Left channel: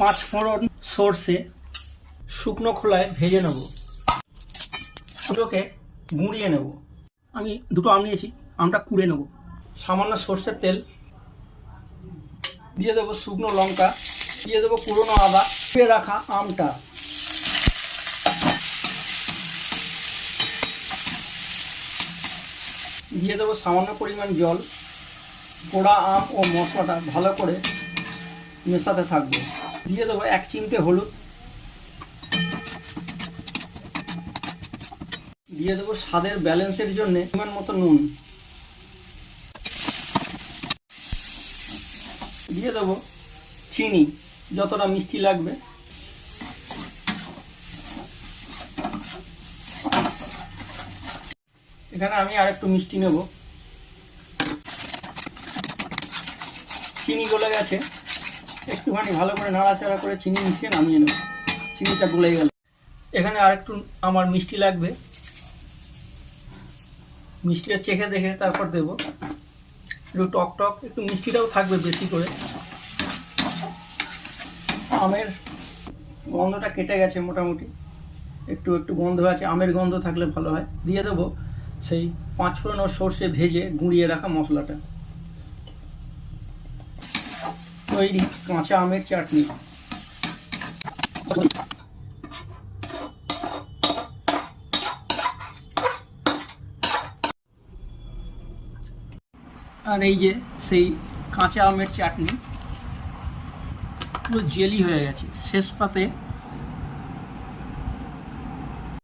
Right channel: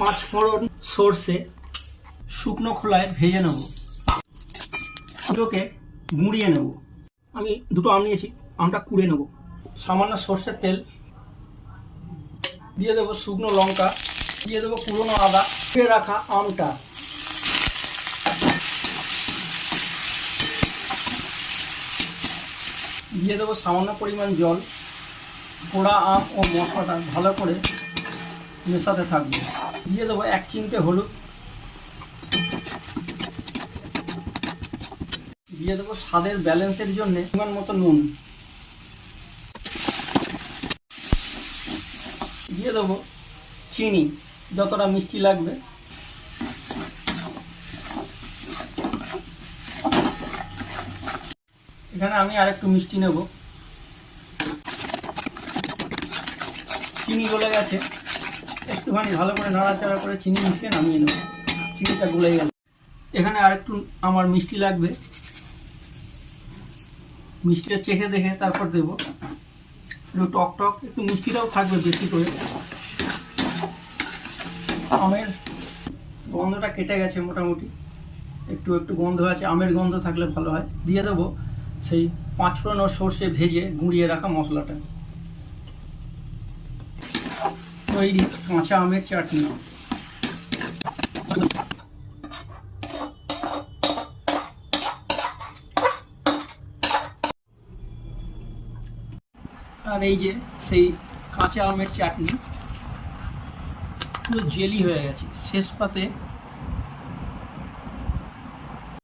পাঁচ ফোড়ন সর্ষে শুকনো খোলায় ভেজে নেব, দুটোকে গুঁড়িয়ে নেব। আমি দুটো আম নিয়েছি, আমটা কুড়ে নেব। সামান্য সর্ষের তেল দিয়ে দেবো, শুকনো লঙ্কা দিয়ে দেবো, পুরনো আদা, কুড়ে রাখা আমটা দিয়ে দেবো, সামান্য পরিমাণ জল। পোড়া আম ও মশলাটা ভালো করে মেশাতে থাকবে। দিয়ে দেবো 1 চিমটে হলুদ, দিয়ে দেবো স্বাদের ব্যালেন্সের জন্য পরিমাণ মতো নুন, দিয়ে দেবো চিনি যতটা মিষ্টি লাগবে। এখানে আমি আরেকটু মিষ্টি নেব। চিনি গলে গেছে, একটুখানি ভালো করে নাড়াচাড়া করে চিনি মিশিয়ে নামিয়ে নেব। চিনিটা গলে গেল। এখানে আরেকটু আমার মিষ্টি লাগবে, মিষ্টিটা চেখে দেখে তারপর দেবো। একটু টক টক, একটু মিষ্টিটাও থাকবে বেশি করে। আমের গন্ধটা কেটে গেছে মোটামুটি, একটু একটু গন্ধ আছে, আমের গন্ধ থাকলে ভালো হয়। দিয়ে দেবো সেই 5 ফোড়ন ও সর্ষে ভেজে গুঁড়িয়ে রাখা মশলাটা। তৈরি কাঁচা আমের চাটনি। আর এই যে সেই কাঁচা আমের চাটনি পুরো জেলি হয়ে গেছে। শেষ পাতে